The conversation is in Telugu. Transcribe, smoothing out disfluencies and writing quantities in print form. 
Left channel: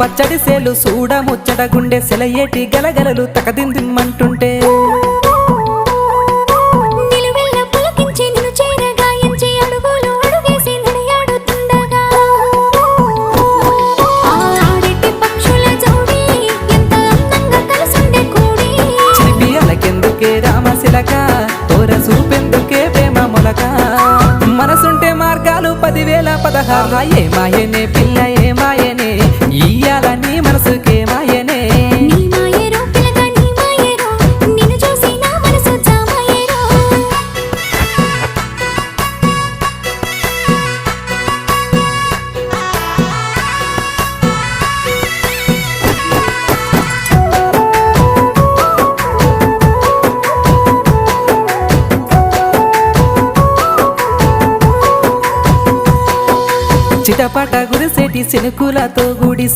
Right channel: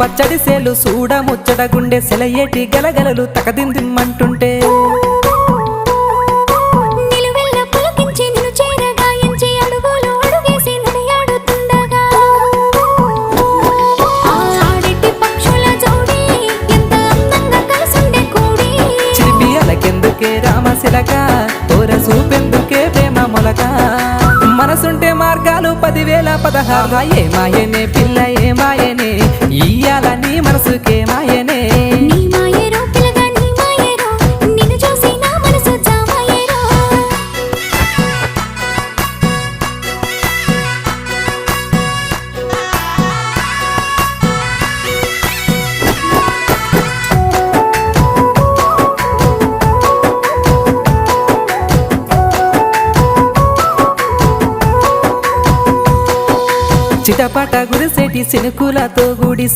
పచ్చడి సేలు సూడ ముచ్చట గుండె సెలయేటి గలగలలు తకదిందిమ్మంటుంటే నిలువెల్ల పులకించి నిన్ను చేరగాయించి అడుగులు అడుగేసి నడియాడుతుండగా ఆడెట్టి పక్షుల జోడి ఎంత అందంగా కలుసుండే కూడి చిలిపియలకెందుకే రామశిలక తోర చూపెందుకే ప్రేమ మొలక మనసుంటే మార్గాలు 10,016 ఏమాయనే పిల్ల ఏమాయనే ఇయ్యాల నీ మనసుకే మాయనే నీ మాయేరో పిల్లగా నీ మాయేరో నిన్ను చూసి నా మనసు జామాయేరో చిటపట గురిసేటి సినుకులతో గుడి